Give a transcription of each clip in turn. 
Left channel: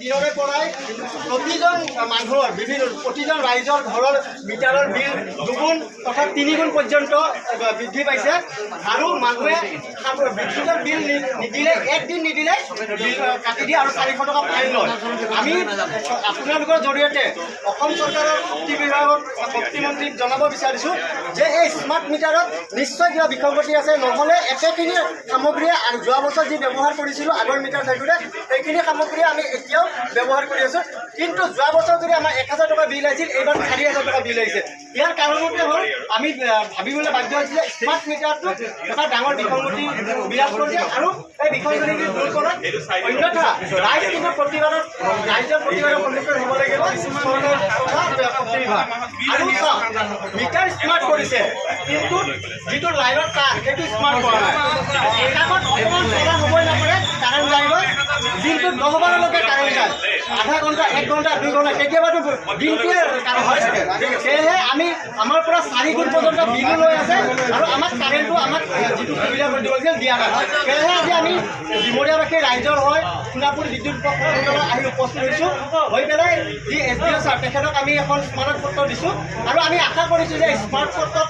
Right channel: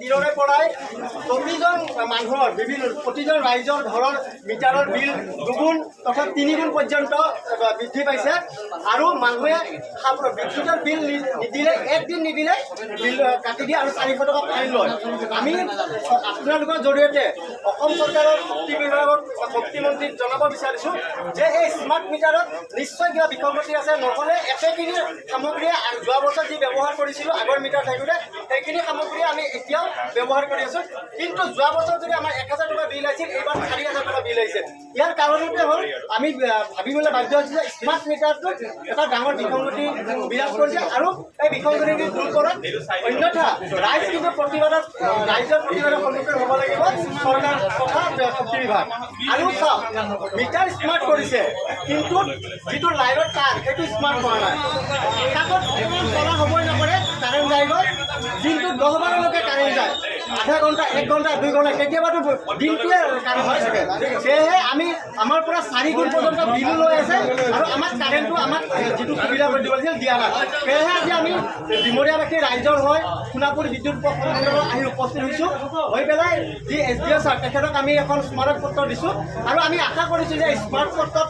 দিনৰে পৰাই প্ৰতিজন মানুহৰ প্ৰতিজন ৰাইজৰ ঘৰৰ মিটাৰৰ বিল দুগুণ তথা তিনিগুণ পৰ্যন্ত বৃদ্ধি পাইছে আৰু মানুহে বিদ্যুতৰ বিল নিদিলে একদিন নিদিলে বিল কাটি দিয়ে আৰু 400 টকা ফাইন লয়। আমি আপোনালোকৰ জৰিয়তে অসম চৰকাৰৰ শক্তি বিভাগৰ শক্তিমন্ত্ৰীক জনাব বিচাৰিছোঁ যে এই স্মাৰ্ট মিটাৰত নিশ্চয় কিবা বিসংগতি আছে, নহ'লে একেখিনি সামগ্ৰীয়ে যোৱা বছৰ যি ব্যৱহাৰ কৰিছিলোঁ আগৰ মিটাৰ থাকোঁতে সেইখিনি সামগ্ৰীয়ে আমি এতিয়াও ব্যৱহাৰ কৰি আছোঁ। কিন্তু যোৱা বছৰ যদি আমাৰ 1000 টকা বিল আহিছিল, এইবাৰ 4000 টকা বিল আহিছে। ইয়াৰ কাৰণতে হ'ল আমি ভাবিবলৈ বাধ্য হৈছোঁ যে স্মাৰ্ট মিটাৰটো এটা ডাঙৰ বিসংগতি বিৰাজ কৰিছে আৰু এই বিসংগতি দূৰ কৰা অন্যথা ৰাইজ কিন্তু ৰাইজৰ প্ৰতিবাদৰ সন্মুখীন হ'ব লাগিব চৰকাৰ তথা শক্তি বিভাগ। আৰু চাওক, মিটাৰ স্মাৰ্ট কৰিছে কিন্তু যিটো লাইনৰ তাৰ সেইটো স্মাৰ্ট কৰা নাই। একাকত অকণমান চলা হ'বই নপৰে, কাৰেণ্ট যাই গ'ল, দিনটোত 10-12লৈকে কাৰেণ্ট যায়, আধা ঘণ্টা 1 ঘণ্টা 2 ঘণ্টা কেতিয়াবাতো দিনটোৱে কাৰেণ্ট হৈ থাকে। সেয়েহে আমাৰ পৰা 4 গুণ পৰ্যন্ত বিলো লৈ আছে আৰু আমাক কাৰেণ্টটো আমাক যিটো সুবিধা কৰি দিব লাগিছিল দিয়া নাই। সেয়েহে আজি আমি ডিমৰীয়াবাসী ৰাইজৰ হৈ সোণাপুৰ বিদ্যুৎ উপকেন্দ্ৰলৈ আহি উপস্থিত হৈছোঁ। হৈ পেলাই যি SDO ছাৰ তেখেতক আমি এখন স্মাৰক পত্ৰ দিছোঁ আৰু আমি আশা কৰিছোঁ যে স্মাৰক পত্ৰত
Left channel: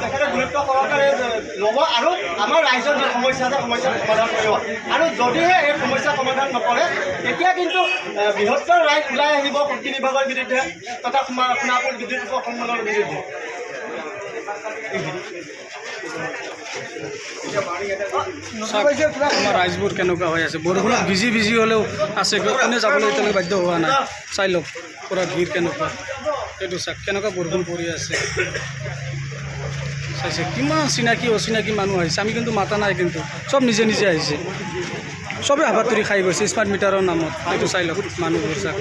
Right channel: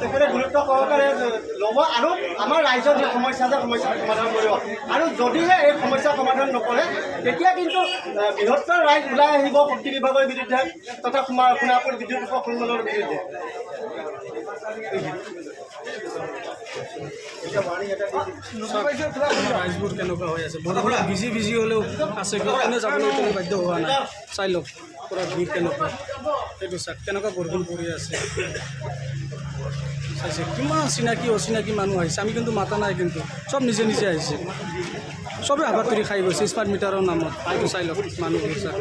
তেখেতে গুৰুত্ব সহকাৰে ল'ব আৰু আমাৰ ৰাইজৰ যি সমস্যা আছে সমস্যাৰ সমাধান কৰিব। আৰু যদিহে এই সমস্যা সমাধান নকৰে তেতিয়া কিন্তু বৃহত্তৰ ৰাইজ ওলাই আহিব শক্তি বিভাগৰ বিৰুদ্ধে তথা সোণাপুৰ বিদ্যুৎ উপকেন্দ্ৰৰ বিৰুদ্ধে। ৰাইজবোৰ কেনেকুৱা হৈ আছে, বৰষুণ ভিজি ভিজি হ'লেও আছে, কোনে যাবলৈ এতিয়ালৈকে বাধ্য হোৱা নাই। চাই লওক পূৰা ভিৰ কেনেকুৱা, সেইটো চাওক কেনেকুৱা বৰষুণ পৰি আছে। চাইছে কিমান চিনাকি অচিনাকি মানুহ আহিছে, আমি কিন্তু মাতা নাই, কিন্তু চব নিজে নিজে আহিছে, চবেই হাবাথুৰি খাই গৈছে স্মাৰ্ট মিটাৰৰ নামত। এইটো চাই লওক মানুহবোৰ চাওক।